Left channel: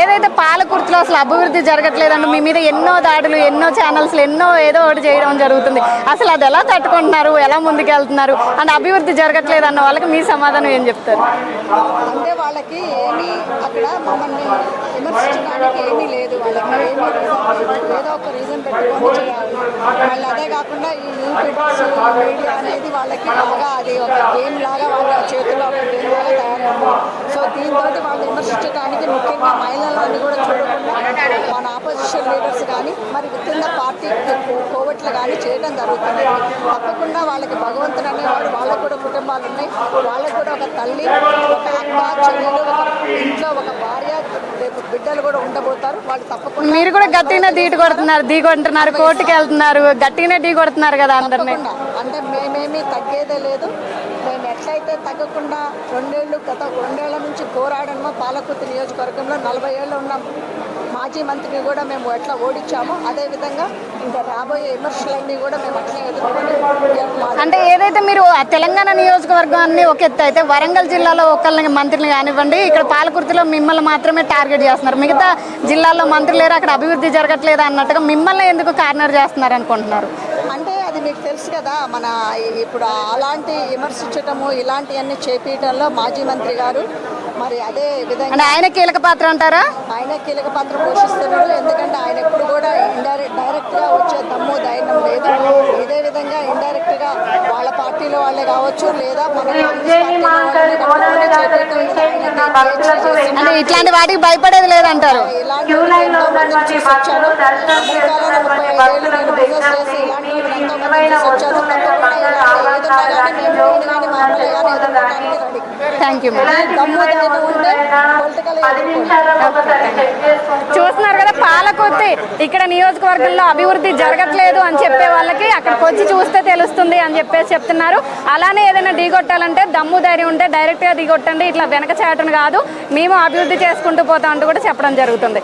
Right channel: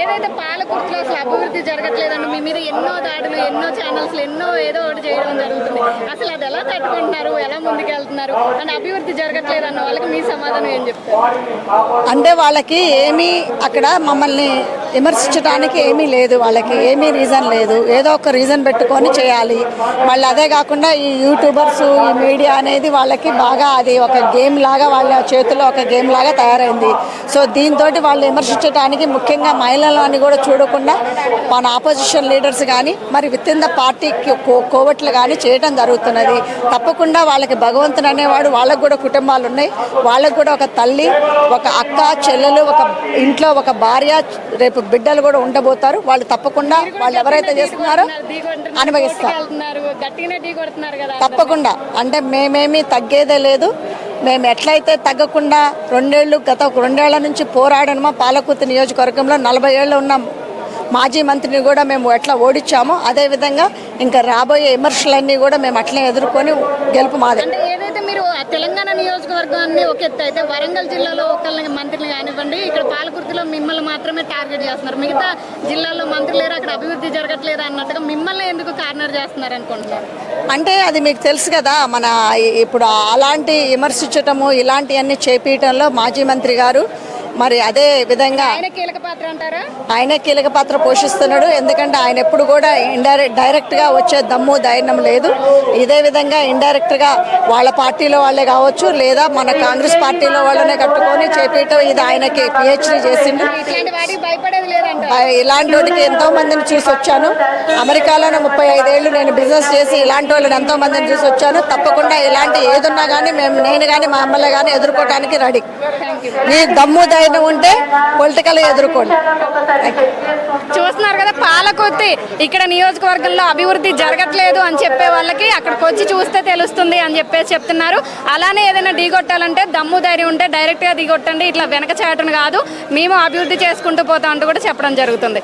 ఏదైతే పాలకుర్తిలో అసలు అభివృద్ధి జరగట్లేదండి మీ మీద ఎన్నో దాడులు ఎన్నో ఛానల్స్ ఎన్నో ఏదో ఒకటి చేయడం జరుగుతుంది. అసలు అది ఎలా తట్టుకుంటున్నారు ఎలా ముందుకెళ్తున్నారు అండ్ అభివృద్ధి జరగట్లేదు అన్న వాళ్ళకి మీ సమాధానం ఏం చెప్తారు? అంటే వాళ్ళకి ఏమీ అక్కడ మమ్మల్ని విమర్శించడానికి ఏమీ లేదు వాళ్ళకి ఏమీ రీజన్ లేదు. ఏదో ఒక రీజన్ పెట్టుకొని చేయాలి. మళ్ళీ అదే కాకుండా ఈ యూట్యూబర్స్ ఈ మీడియా అనేది వాళ్ళకి బాగా అది ఒక గేమ్ లాగా వాళ్ళ చేతిలో ఒక గేమ్ లాగా తయారైంది. సో దీంతో వాళ్ళు విమర్శించడానికి ముఖ్యంగా మహిళలని కూడా చూడకుండా మన ఆపోజిషన్ లీడర్స్ కానీ మరి విత్ ఇన్ ద పార్టీ కోవట్లు కానీ చేయడం జరుగుతున్నది. తప్పకుండా వాళ్ళకి భగవంతుడు అనేవాడు వాళ్ళకు కూడా కుటుంబాలు ఉన్నాయి. వాళ్ళకు కూడా ఒక తల్లి ఒక అక్క చెల్లెలు ఒక ఇంట్లో ఒక భార్య రేపు బిడ్డలు కూడా ఉండబోతారు. వాళ్ళు తప్పకుండా మీరు కూడా ఢీ కొడుతున్నారు ఢీ కొడుతున్నారు కోర్టుకి వెళ్తున్నారు గట్టిగానే ఢీ కొడుతున్నారు కదా. తప్పకుండా. అంటే మేమేమీ తగ్గేదే లేదు. మేము ఎట్లయితే తగ్గకుండా రెండేళ్ళు గత రెండేళ్ళ నుంచి పోరాడనమో పాలకుర్తి నియోజకవర్గంలో నలభై ఏళ్ళు ఉన్న. మాజీ మంత్రిని కూడా మేము ఎట్లా ఓడించామో అదేవిధంగా ఇంకా రాబోయే విమర్శలన్నీ కూడా మేము అట్లే ఎదుర్కొని గెలుపు మాది అంటే ఏదైతే మీరు తెలంగాణ నియోజకవర్గాన్ని ఒక ఎత్తు అయితే వరంగల్ జిల్లాలో ఒకళ్ళని మంత్రిని కానివ్వండి ఇక్కడ పాలకుర్తిలో మిమ్మల్ని మాత్రమే టార్గెట్ చేస్తున్నారు. మిగతా జిల్లాల్లో మంత్రి లేరు అక్కడ అభివృద్ధి జరగట్లేదు అన్నట్టుగా మిమ్మల్ని ఎందుకు కార్నర్ చేస్తున్నారు అనుకుంటున్నారు? అంటే అది మీకు తెలుసు కదా మన ఇప్పుడు అలాంటి విమర్శించటము ఇలాంటివన్నీ చేపించడంలో మాజీ మంత్రి గారు మరి అదే విధంగా ఆయన కీలక పాత్ర అంటారా? ఆయన కీలక పాత్ర పోషిస్తున్నాడు. ఎందుకంటే ఆయన ఎప్పుడు కూడా ఇండైరెక్ట్ డైరెక్ట్గా వచ్చే దమ్ము ధైర్యం లేదు. ఇదే విధంగా ఇండైరెక్ట్గా వాళ్ళ పార్టీలో వాళ్ళే కావచ్చు లేదా మన కాంగ్రెస్ పార్టీలో వాళ్ళనే కట్టుకొని చేపట్టడం ఇది ఆయనకి పిహెచ్డీ చేసి ఇట్లాంటి వాటికి భయపడేది లేదంటారు? ఇలాంటి వాళ్ళకి ఎంతో మందిని చూసి వచ్చాను అమెరికాలోనే ముప్పై ఐదేళ్ళు నేను బిజినెస్ చేసి ఇలాంటి వాళ్ళని ఎంతో మందిని చూసి వచ్చాను తప్పకుండా ఇలాంటి ఏదున్నా కానీ మేము నేను కానీ మా అమ్మలే కానీ ఎదుర్కోవడానికి రెడీ. థ్యాంక్ యూ మీ దమ్ము ధైర్యం ఉంటే పొలిటికల్ ఎదుర్కోండి. చూస్తున్నారు కదా పాలకొత్తి ఇక్కడ నియోజకవర్గంలో అభివృద్ధి జరగట్లేదు అని చెప్పే వాళ్ళకి అక్కడికి వచ్చి చూస్తే తెలుస్తుంది అని చెప్పేసి చెప్తున్నారు. అలానే ఏదైనా ఢీగొట్టాలంటే దమ్ము ధైర్యం ఉంటే డైరెక్ట్గా ఢీగొట్టండి ఇట్లా వెనక చాటును కాదు మేము అభివృద్ధి చేసుకుంటూ పోతాం అంటూ కూడా చెప్పడం జరుగుతుంది.